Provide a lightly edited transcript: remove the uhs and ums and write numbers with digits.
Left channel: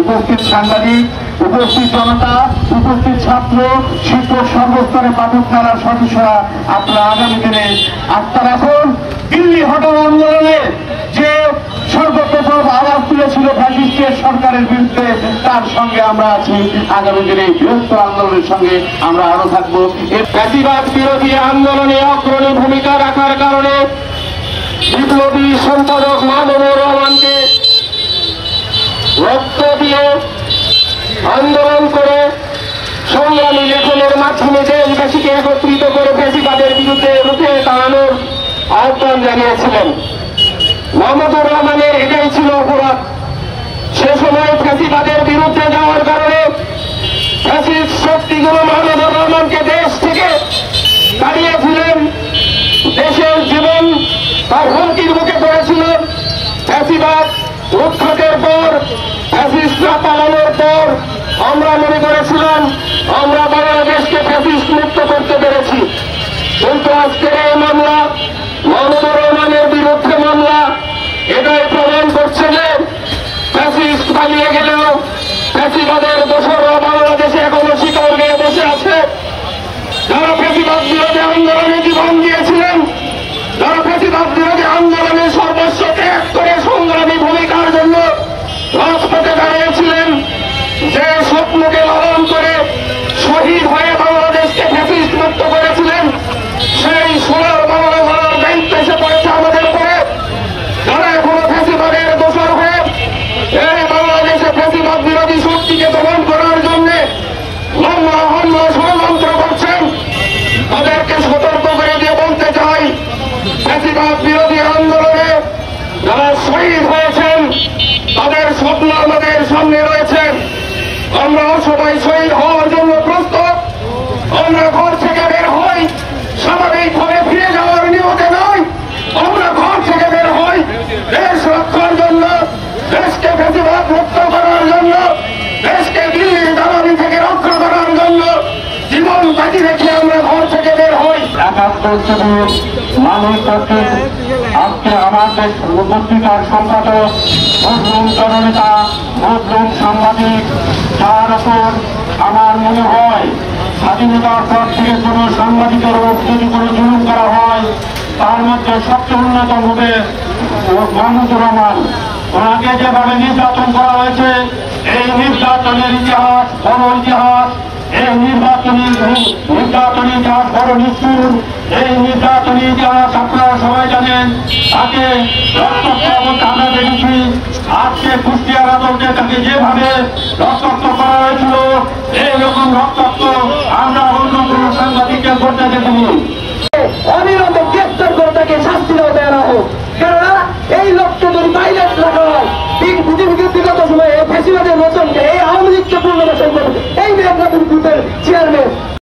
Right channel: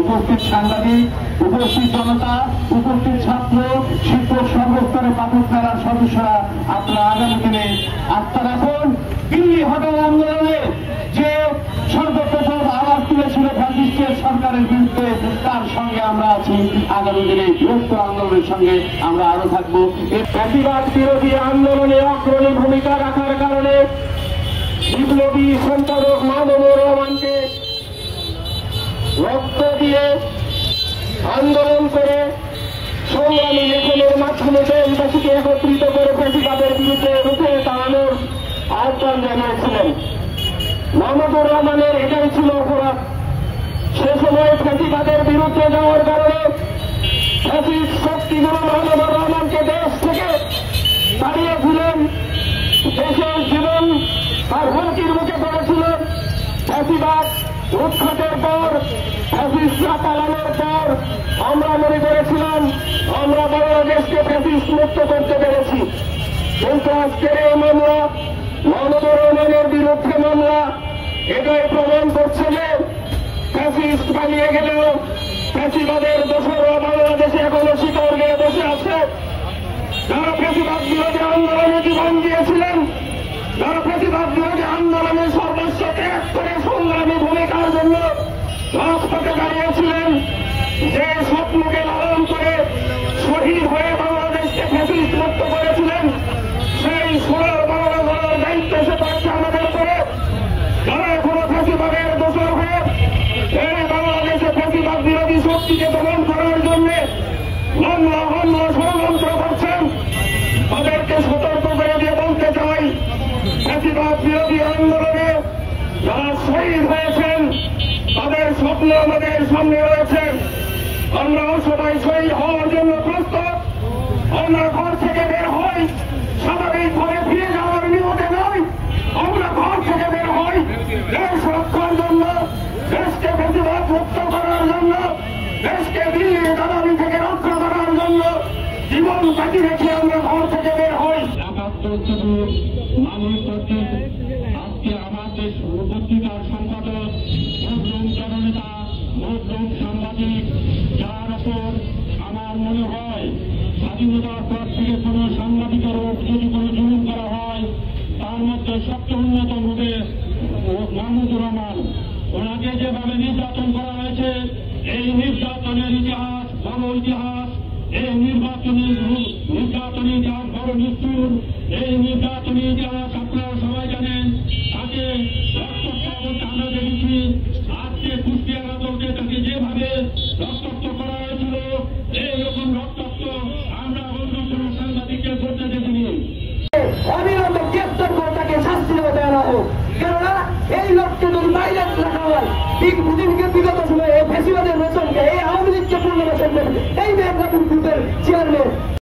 উপস্থিত সাংবাদিক, উপস্থিত জনতা, উপস্থিত ছাত্র, শিক্ষক, সর্বস্তরে পাঠক মেলার সদস্যরা, আপনারা আগামী দিনে আস্থা রাখুন। দিল্লি হটাও আন্দোলনে যে সর্বপ্রথম আওয়াজ তুলেছিল ফ্যাসিস্টের সরকারের বিরুদ্ধে, তার সঙ্গে আমরা আছি। আগামী দিনে বৃহত্তর আন্দোলনের সঙ্গে আমরা আরো থাকবো। ফ্যাসিবাদ বিরোধী আন্দোলনে অগ্রণী ভূমিকা রাখার কারণে বিপ্লবী সম্পাদক মামুনুর রহমানকে রক্ত দিয়ে আন্দোলন করে সংগ্রামী লেখনের মাধ্যমে দেশবাসীকে একত্রিত করে ফ্যাসিবাদের বিরুদ্ধে রুখে দাঁড়ানোর আহ্বান জানিয়েছিলেন। মামুনুর রহমানের এটাই ছিল অপরাধ। সে সময় ফ্যাসিবাদের বিরুদ্ধে যাওয়ার কারণে ফ্যাসিস্ট শক্তিগুলো মামুনুর রহমানকে দেশ থেকে দাঁড়িয়েছিলেন। দেশের জীবন তার হুমকির মুখে পড়েছিল। ফ্যাসিবাদ উৎখাতের পর, ফ্যাসিস্টরা পালানোর পর আমরা মনে করেছিলাম আমরা বাংলাদেশকে ফ্যাসিস্ট মুক্ত করতে পেরেছি। কিন্তু আজকের এই মামলা, মামুনুর রহমানের বিরুদ্ধে মামলা, এটাই প্রমাণ করছে যে ফ্যাসিস্ট পালিয়ে গেলেও ফ্যাসিবাদের দোসররা বাংলাদেশে এখনো শিকল গিয়ে বসে আছে। যারা ফ্যাসিবাদ বিরোধী আন্দোলনে জীবন দিয়েছিলেন, যারা ফ্যাসিবাদ বিরোধী আন্দোলনে সর্বস্ব ত্যাগ করে সংগ্রামী ভূমিকার জন্য রাজপথে দাঁড়িয়েছিলেন, যে স্বপ্নকে লালন করে শহীদ হয়ে বাংলাদেশকে ফ্যাসিস্ট মুক্ত করেছিলেন, সেই সোনার বাংলা গড়ার দায়িত্ব এসে পড়েছে আমাদের উপরে। যারা এখনো ফ্যাসিবাদের দোষর হয়ে এই বাংলাদেশে ফ্যাসিবাদ বিরোধী শক্তিকে দমন করার জন্য লম্বা হামলা ষড়যন্ত্র করছেন, তাদেরকে সতর্ক করে দিয়ে বলতে চাই, ফ্যাসিবাদ বিরোধী আন্দোলনে যারা শহীদ হয়েছেন তাদের স্বপ্ন আমাদের সামনে রয়েছে। আমরাও সবাই শহীদ হওয়ার জন্য প্রস্তুত। আমরা ঘর থেকে বের হই স্বাভাবিকভাবে ফিরে যাওয়ার নিয়তে নয়, আমরা ঘর থেকে বের হই দেশ রক্ষার জন্য, দেশকে ফ্যাসিবাদ মুক্ত করার জন্য, দেশকে দিল্লির দালালি থেকে রক্ষা করার জন্য জীবন বাজি রেখে আমরা ঘর থেকে বের হই। মানুষ কর্তৃক আজকে আমাদের পত্রিকার সম্পাদক, মুসলিম জননেতা, মুসলিম সাংবাদিক, যার উপর আমার মনে হয় স্বাধীনতার পর থেকে কোন সাংবাদিকের উপর যদি কোনো জুলুম করা হয়, তার মধ্যে সবচেয়ে অন্যতম হবে মামুনুর রহমান। ওনাকে যেভাবে নির্যাতন করা হয়েছে, এই নির্যাতনের ইতিহাস বড় ইতিহাস। এই নির্বাচনী ইতিহাস বড় নিষ্ঠুর। এই নির্বাচনী ইতিহাস আপনারা সবাই জানেন। তাকে রক্তাক্ত আমরা দেখেছি। আজকে কুষ্টিয়ার আদালতে তাকে যেভাবে রক্তাক্ত করা হয়েছিল, এইরকম রক্তাক্ত আমরা অন্য কোনো সাংবাদিককে করতে দেখিনি।